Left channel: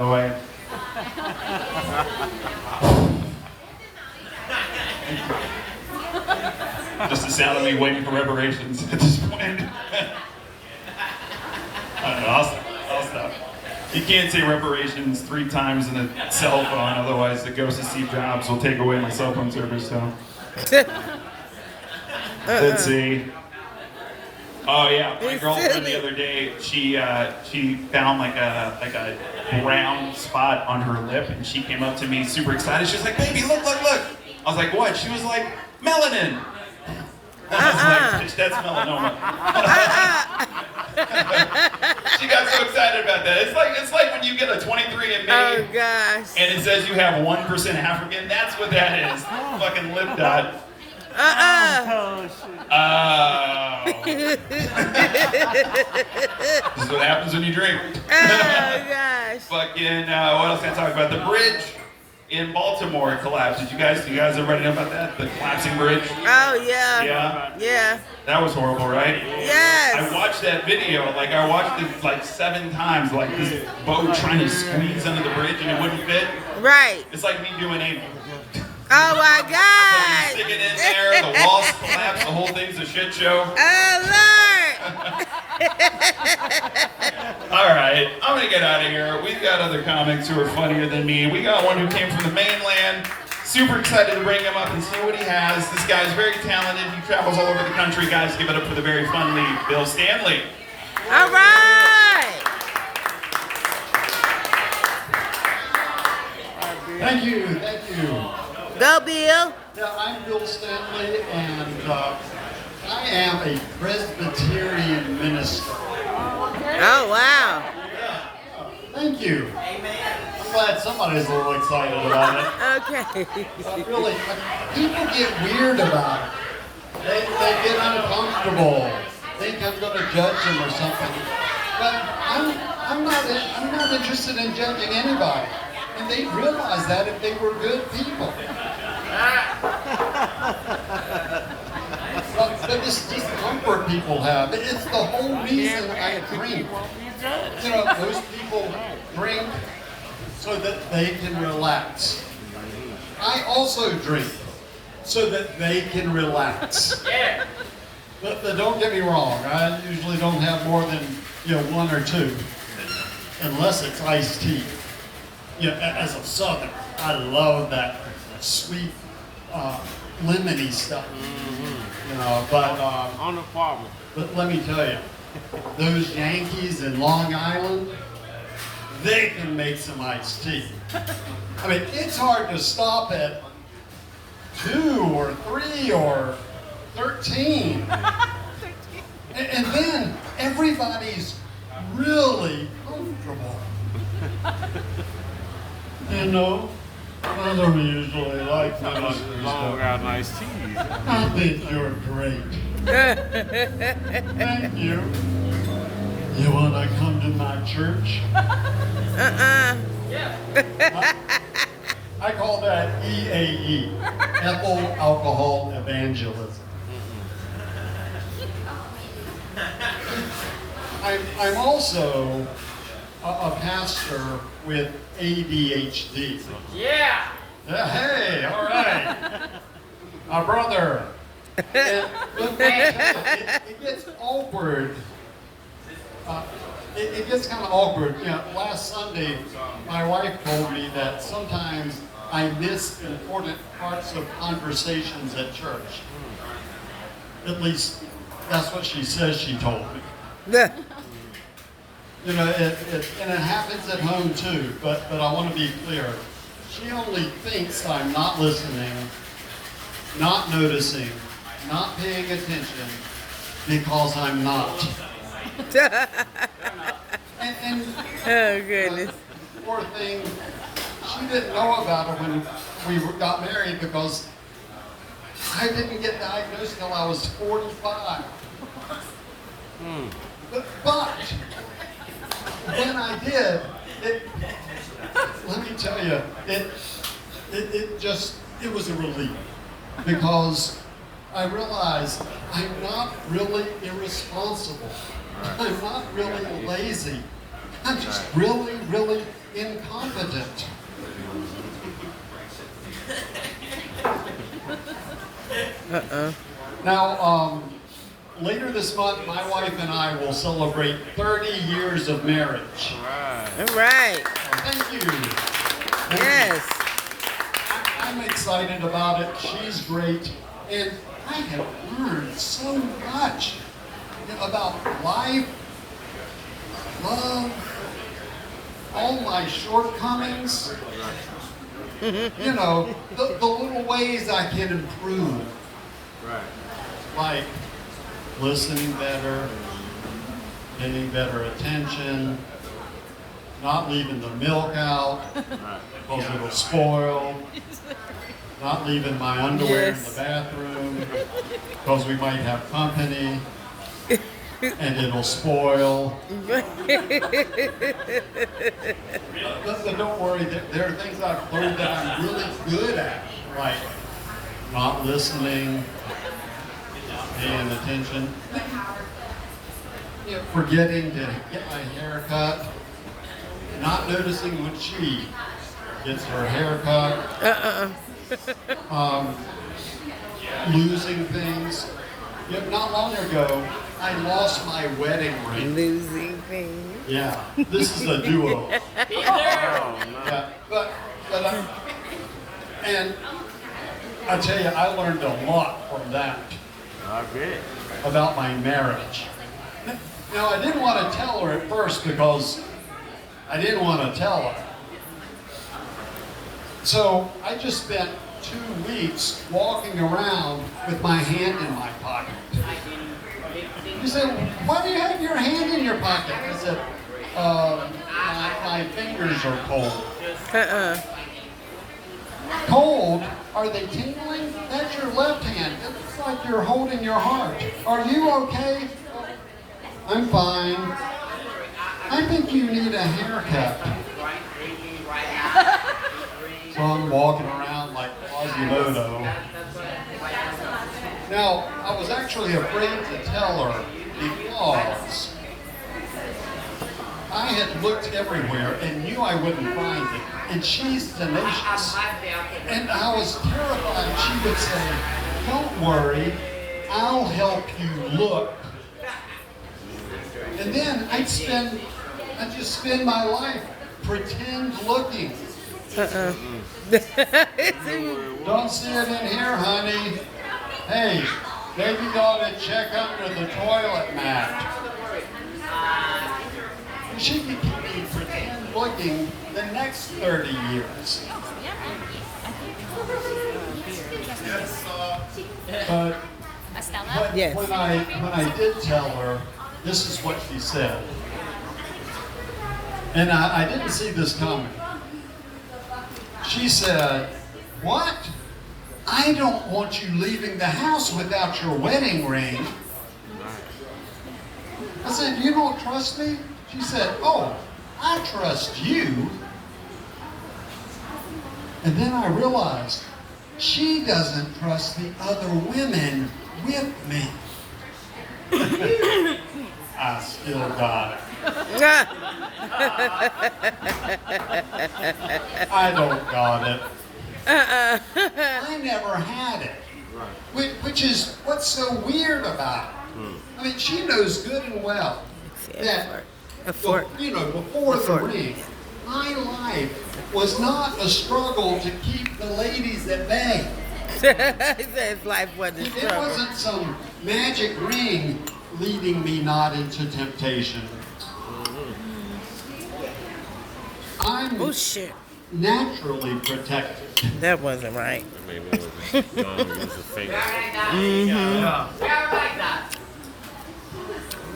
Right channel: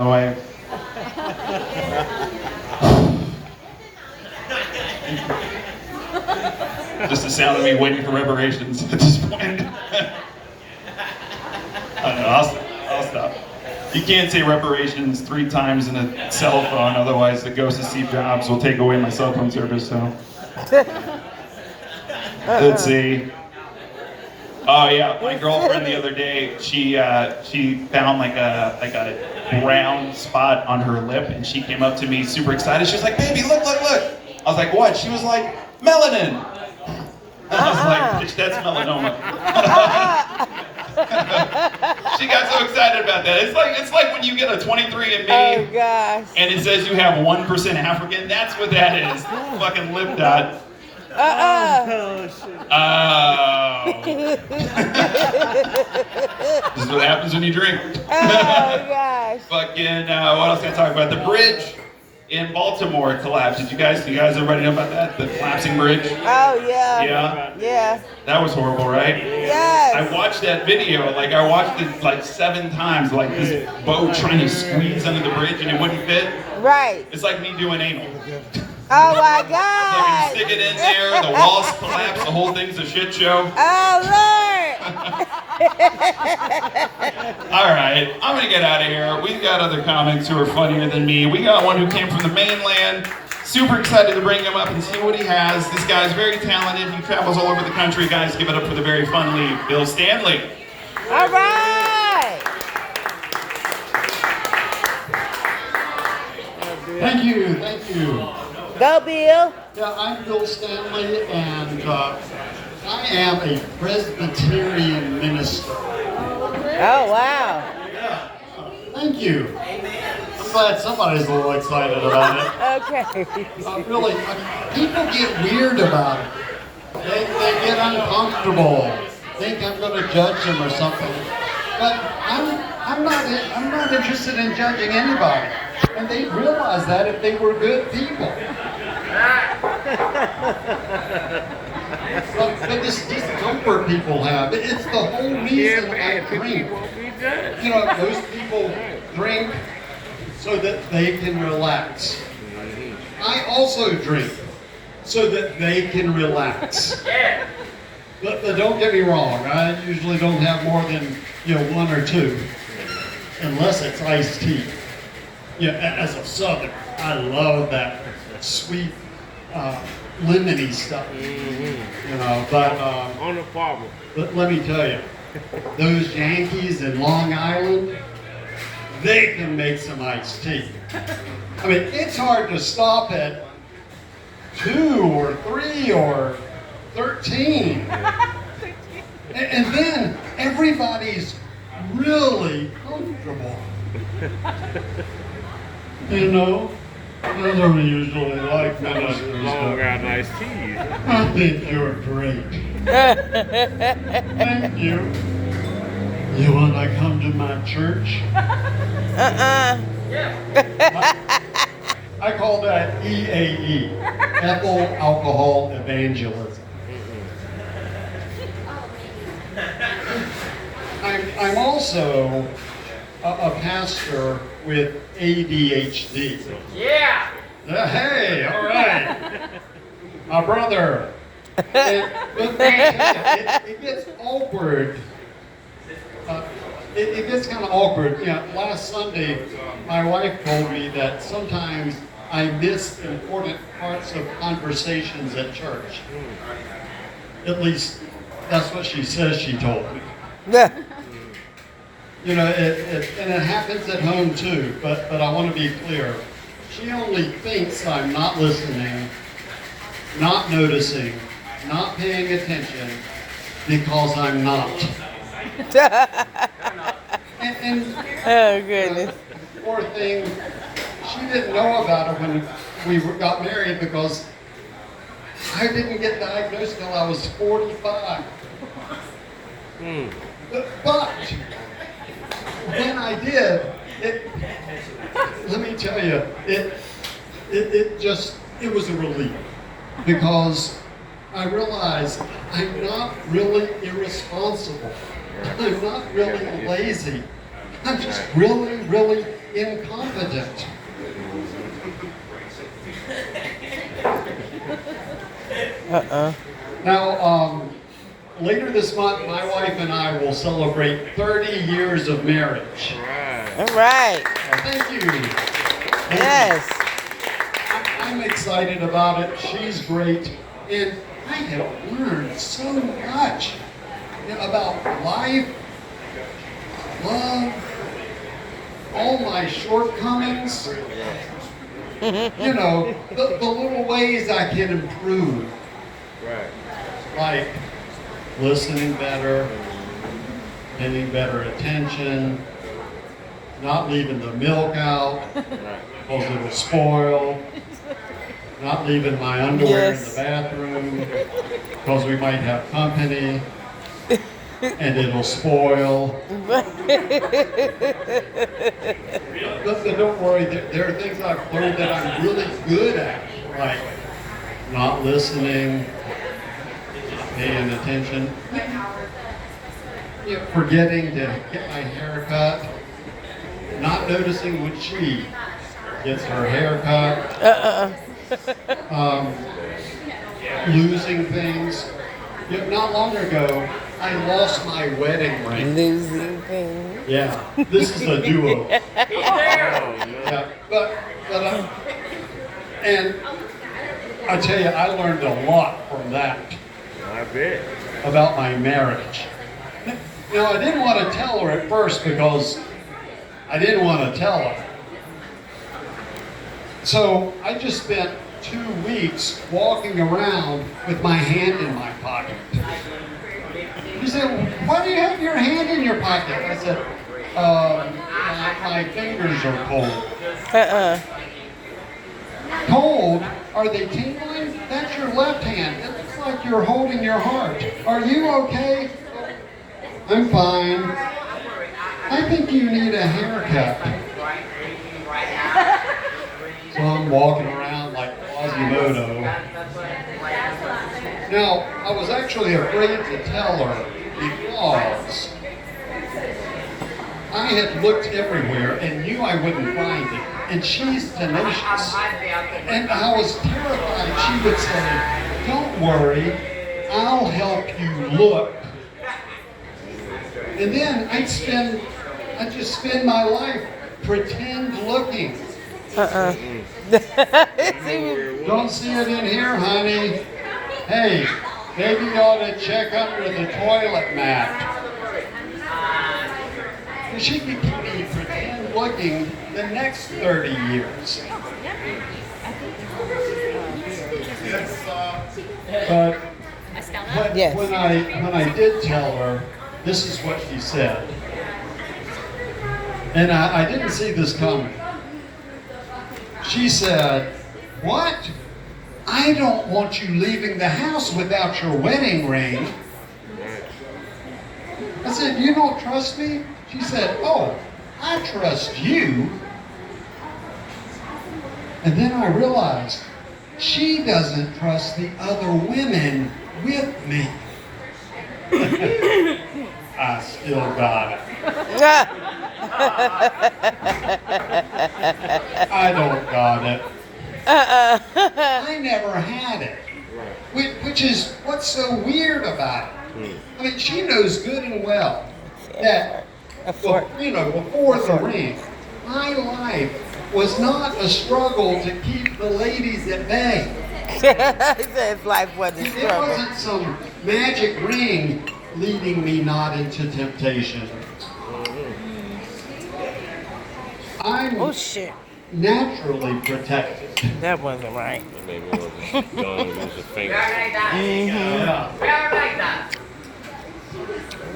No way. Just the sound of me waiting for reparations at this point. I don't know, I'll stop. You can't say reparations 3 times in a cell phone, otherwise the ghost of Steve Jobs will take away my cell phone service, so. Let's see. Oh yeah, my girlfriend the other day, she found like a brown spot on her lip, and she came up to me super excited. She was like, "Baby, look, look, look!" I was like, "What?" She was like, "Melanin." I was like, "Bitch, that's melanoma." She got so excited about that. It's like when you get a 23andMe. Oh gosh. And it says you have 1% African. That's what that is. Fucking lip dot. Oh shit. This is what happens when you drink. Oh gosh. Fucking, what else can I talk about? The bridge in Baltimore collapsed. Do you guys everybody know about that? The collapsing bridge? Oh yeah. Yeah? Yeah. That was horrible, right? Yes. I watched that video, I watched it like 7 times, like this boat trying to squeeze under the bridge and it wouldn't fit. Right. It's like me doing anal. Oh my Like God. you stick it in there, the walls collapse, the whole thing's a shit show. Oh Lord. All right, I'm gonna get out of here. We've got other comics who are funnier than me. We got one who came from the mainland. Super excited to bring him up and see what he has. This guy's very talented. He travels all over the country. Guys, give it up for the very funny Bill Stanley. All right. Thank you, thank you. Go Bill. Yeah, I'm Bill Stanley, and I am a Presbyterian minister. Oh wow. Yeah, thank you. I'm glad somebody's a little excited about it. Okay. Really, people get weird about it. They get uncomfortable, think I'm going to judge them or something. But I'm not interested in judging anybody. And they'd realize that if they were good people. But this discomfort people have, it's the whole reason I drink. You know, those people drink so that they can relax. I also drink so that they can relax. But don't get me wrong, I usually don't have more than 1 or 2, unless it's iced tea. As a Southern, I love that sweet, lemony stuff. But On the farm. let me tell you, those Yankees in Long Island, they can make some iced tea. I mean, it's hard to stop at 2 or 3 or 13. And then everybody's really comfortable. I don't usually like ministers, Long but got nice teeth. I think you're great. Thank you. You want to come to my church? I call that EAE, ethyl alcohol evangelism. I'm also a pastor with ADHD. Yeah. Hey, all right. My brother. It gets awkward. It gets kind of awkward. Last Sunday, my wife told me that sometimes I miss important parts of conversations at church. At least, that's what she says she told me. And it happens at home too, but I want to be clear. She only thinks I'm not listening, not noticing, not paying attention, because I'm not. And Oh goodness. poor thing, she didn't know about it when we got married because I didn't get diagnosed till I was 45. But when I did, let me tell you, it was a relief because I realized I'm not really irresponsible. I'm not really lazy. I'm just really, really incompetent. Now, later this month, my wife and I will celebrate 30 years of marriage. All right. Thank you. Yes. I'm excited about it. She's great. And I have learned so much about life, love, all my shortcomings. You know, the little ways I can improve. Right. Like listening better, paying better attention, not leaving the milk out because it'll spoil, not leaving my underwear Yes. in the bathroom because we might have company and it'll spoil. But don't worry, there are things I've learned that I'm really good at, like not listening, not paying attention, forgetting to get my hair cut, not noticing when she gets her hair cut, losing things. Yet not long ago, I lost my wedding ring. Losing things. Yeah, this is a duo. Oh, no. Yeah, and I tell you, I learned a lot from that I bet. about my marriage. You know, I didn't want to tell her at first because I didn't want to tell her. So I just spent 2 weeks walking around with my hand in my pocket. He said, "Why do you have your hand in your pocket?" I said, my fingers are cold." Cold? Are they tingling? That's your left hand. It looks like you're holding your heart. Are you okay? I'm fine. I think you need a haircut. So I'm walking around like Quasimodo. Now, I was actually afraid to tell her because I had looked everywhere and knew I wouldn't find it. And she's tenacious. And I was terrified she would say, "Don't worry, I'll help you look." And then I'd just spend my life pretend looking. Don't see it in here, honey. Hey, maybe you ought to check under the toilet mat. And she could keep me pretend looking the next 30 years. But Yes. when I did tell her, this is what she said. And I didn't see this coming. She said, "What? I don't want you leaving the house without your wedding ring." I said, "You don't trust me?" She said, "Oh, I trust you." And then I realized she doesn't trust the other women with me. I still got it. I don't got it. I never had it. Which is what's so weird about it. I mean, she knows good and well that, before the ring, my life was not a struggle to keep the ladies at bay. He said his life wasn't It struggle. wasn't some magic ring leading me not into temptation. I'm Oh shit. naturally protected. That wasn't right. Maybe it was a gun, it was a finger. Yeah.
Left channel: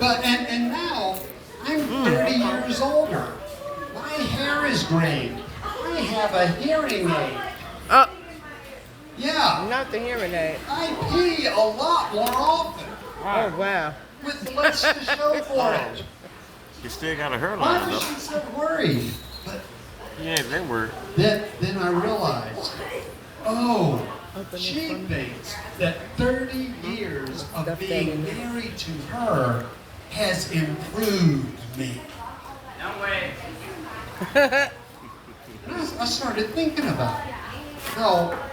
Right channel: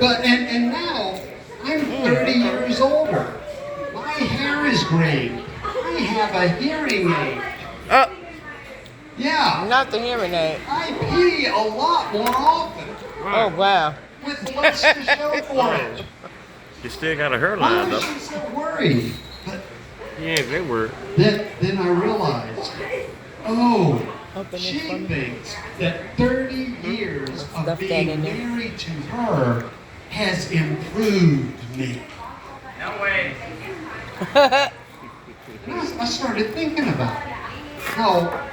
But and now I'm 30 years older. My hair is gray. I have a hearing aid. Oh, Yeah. not the hearing aid. I pee a lot more often Oh wow. with less to show for it. You still got a hairline Why though. was she so worried? But Yeah, they were. then I realized, oh, Open it she for me. thinks that 30 years of Stuff that being in there. married to her has improved me. No way. I started thinking about it. How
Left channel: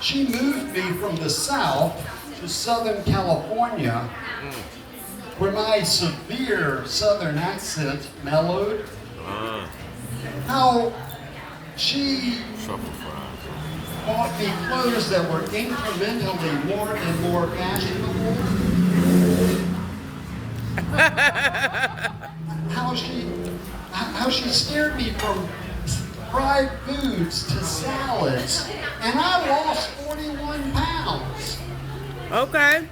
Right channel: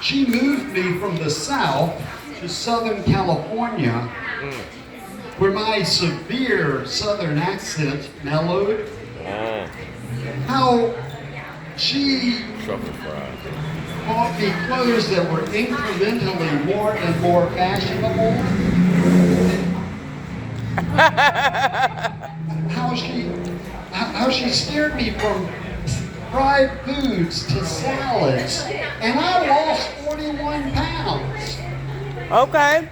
she moved me from the South to Southern California, where my severe Southern accent mellowed. How she Truffle fries. bought me clothes that were incrementally more and more fashionable. How she steered me from fried foods to salads, and I lost 41 pounds. Okay.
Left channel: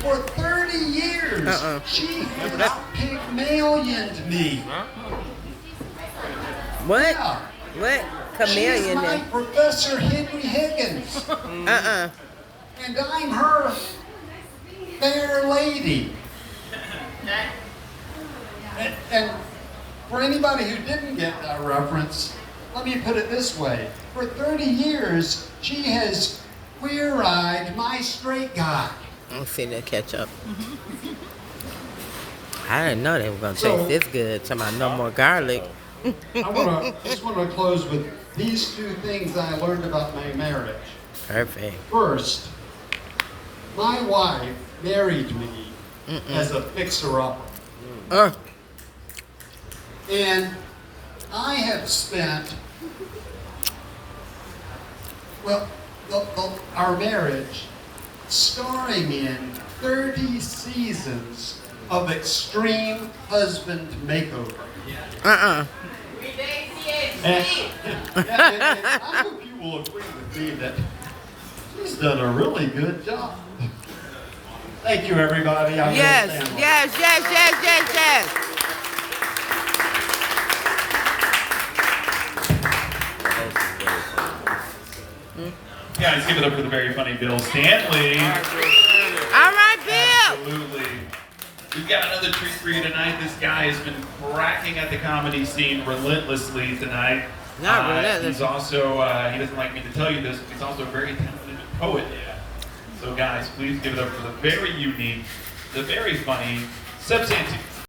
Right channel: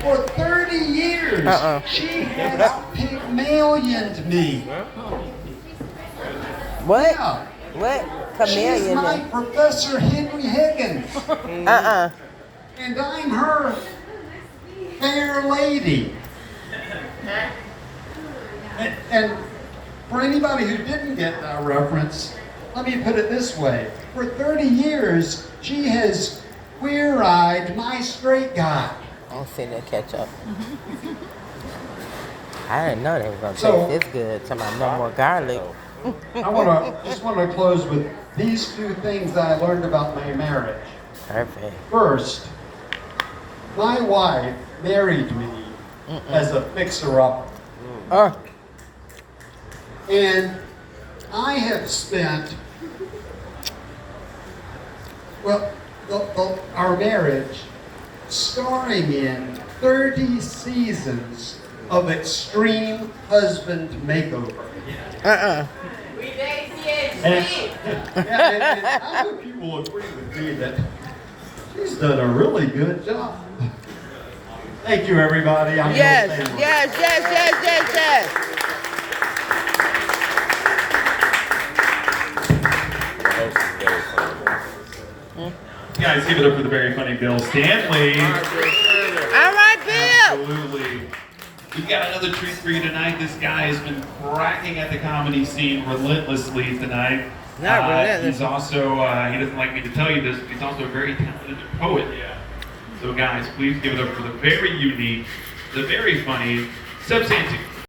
For 30 years, she has Pygmalioned me. What? Yeah. What? She's Chameleon my then? Professor Henry Higgins, Uh-uh. and I'm her fair lady. And for anybody who didn't get that reference, let me put it this way. For 30 years, she has queer-eyed my straight guy. I'm sitting there catch up. I didn't know they were gonna So- taste this good. Talking about no more garlic. I just want to close with these two things that I learned about my marriage. Perfect. First, my wife married me as a fixer-upper. And I have spent, our marriage starring in 30 seasons of extreme husband makeover. And I hope you will agree with me that she's done a really good job. Thank you, everybody. I'm Yes, Bill Sandler. yes. Guys, give it up for the very funny Bill Stanley. All right, Bill. Absolutely. We've got another treat for you tonight. This guy has been cracking at the comedy scene relentlessly tonight. Not relentless. He's also, he doesn't like me to tell you this, but he's also a very talented poet. So guys, please give it up for the very unique, the very funny Seb Santu.